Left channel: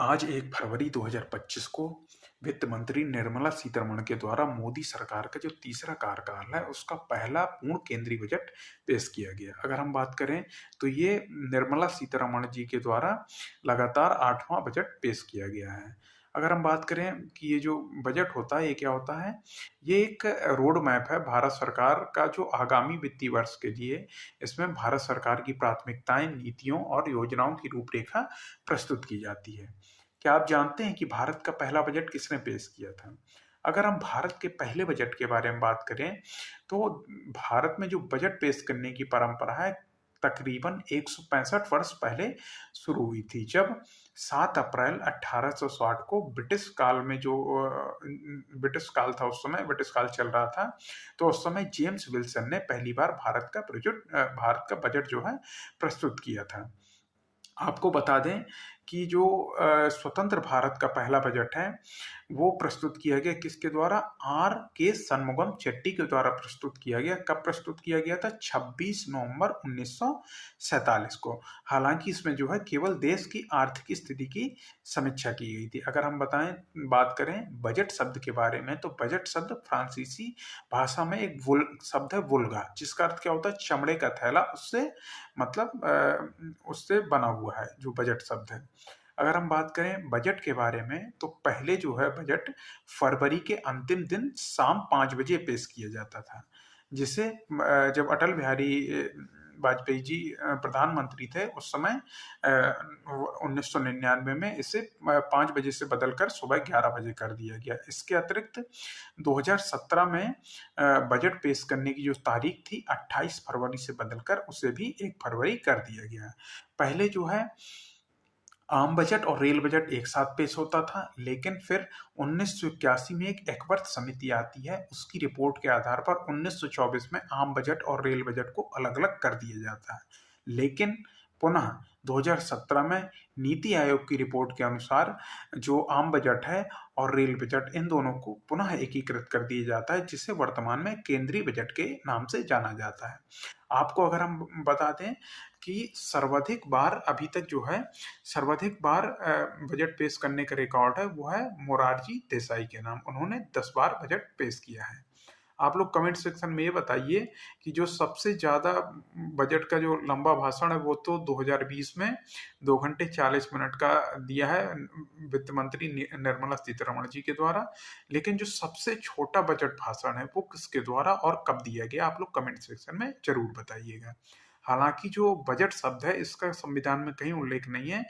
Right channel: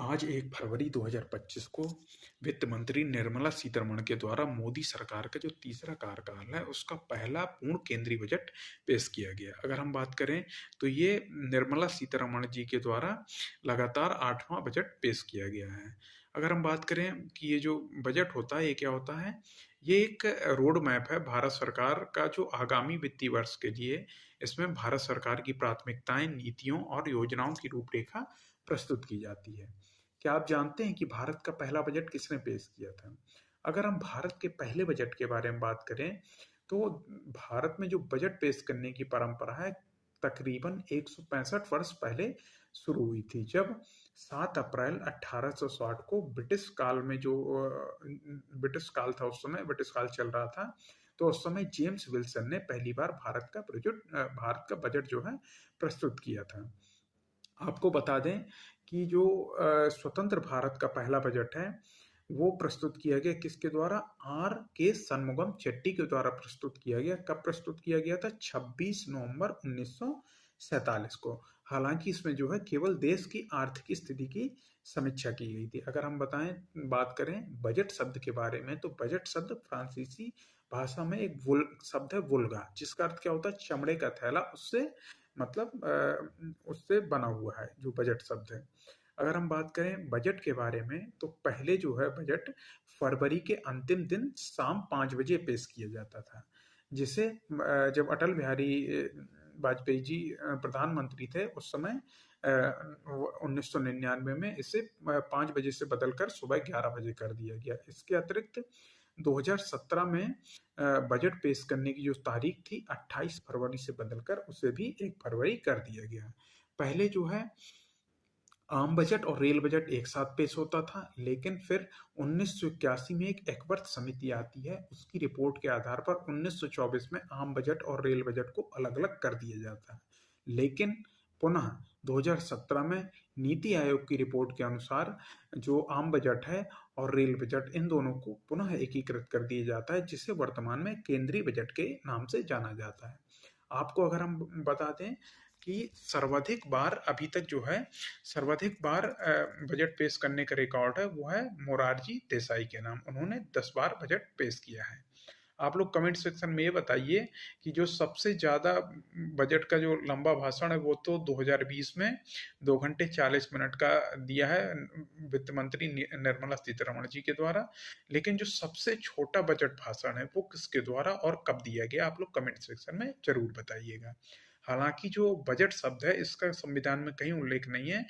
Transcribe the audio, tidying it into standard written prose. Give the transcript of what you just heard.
आज 1 फरवरी 2025 को वित्त मंत्री निर्मला सीतारमण के द्वारा मोदी सरकार का जो तीसरा कार्यकाल है, उसका पहला पूर्ण केंद्रीय बजट पेश किया गया। अगर हम बात करें तो ये निर्मला सीतारमण जी के द्वारा लगातार 8वां बजट पेश किया गया है। अगर हम बात करें कि ये जो बजट होता है, ये क्या होता है? ये एक रोड मैप है भारत सरकार का जो आगामी वित्तीय वर्ष के लिए इसमें भारत सरकार की प्राथमिकताएँ, नीतियों और योजनाओं की रूपरेखा प्रस्तुत की जाती है। क्या आप जानते हैं कि भारत का पहला बजट किसने पेश किया था? अगर हम भारत के पहले बजट के बारे में बात करें, तो भारत में जो बजट पेश करने की परंपरा है, तकरीबन 165 वर्ष पहले शुरू हुई थी, जब 7 अप्रैल 1860 को ब्रिटिश काल में ब्रिटिश काल था, उस समय ब्रिटिश काल चल रहा था, तो उस समय जेम्स विल्सन ने पहली बार भारत का बजट जो है प्रस्तुत किया था। आपको बता दें कि जो स्वतंत्र भारत का पहला बजट है, वो प्रस्तुत किया गया किसके द्वारा? आर के शनमुगम चेट्टी के द्वारा प्रस्तुत किया गया। कब प्रस्तुत किया गया था? 26 नवंबर 1947 को। हालाँकि इसमें जो है केवल देश की आर्थिक स्थिति की समीक्षा की गई थी। अगर हम बात करें बजट शब्द के बारे में, तो बजट शब्द फ्रांसीसी भाषा में एक शब्द है वुल्गा, जिसका अर्थ क्या होता है? चमड़े का थैला, उससे बना हुआ है जो बजट शब्द है। अगर हम बात करें बजट के बारे में, तो पहले जो है बजट फरवरी के अंतिम दिन शाम 5 बजे पेश किया जाता था। जब अटल बिहारी वाजपेयी जी प्रधानमंत्री थे, उस समय 1999 में इसे 5 बजे से बदलकर सुबह 11 बजे कर दिया गया। इसके अतिरिक्त 2017 में बजट पेश करने की जो तारीख थी, 28 फरवरी से बदलकर उसे भी 1 फरवरी कर दिया गया। पहले जो है आम बजट और रेल बजट एक साथ पेश होता था, लेकिन फिर 1981 में एक एक्वर्थ समिति आती है, उसकी रिपोर्ट के आधार पर 1924 में आम बजट और रेल बजट को अलग-अलग कर दिया जाता है। लेकिन पुनः 2017 में नीति आयोग की रिपोर्ट के अनुसार जो आम बजट है और रेल बजट, इन दोनों को पुनः एकीकृत कर दिया जाता है, जिसे वर्तमान में केंद्रीय बजट के नाम से जाना जाता है। आपको अगर हम बता दें कि सर्वाधिक बार बजट पेश करने का रिकॉर्ड है, वो है मोरारजी देसाई के नाम। उन्होंने 10 बार बजट पेश किया है। आप लोग कमेंट सेक्शन में ये बताइए कि जो सबसे ज़्यादा बजट का जो लंबा भाषण है, वो तो 2020 में 2 घंटे 40 मिनट का दिया है वित्त मंत्री निर्मला सीतारमण जी के द्वारा। लेकिन जो सबसे छोटा बजट भाषण है, वो किसके द्वारा और कब दिया गया? आप लोग कमेंट सेक्शन में ज़रूर बताइएगा। हालाँकि जो बजट शब्द है, इसका संविधान में कहीं उल्लेख नहीं है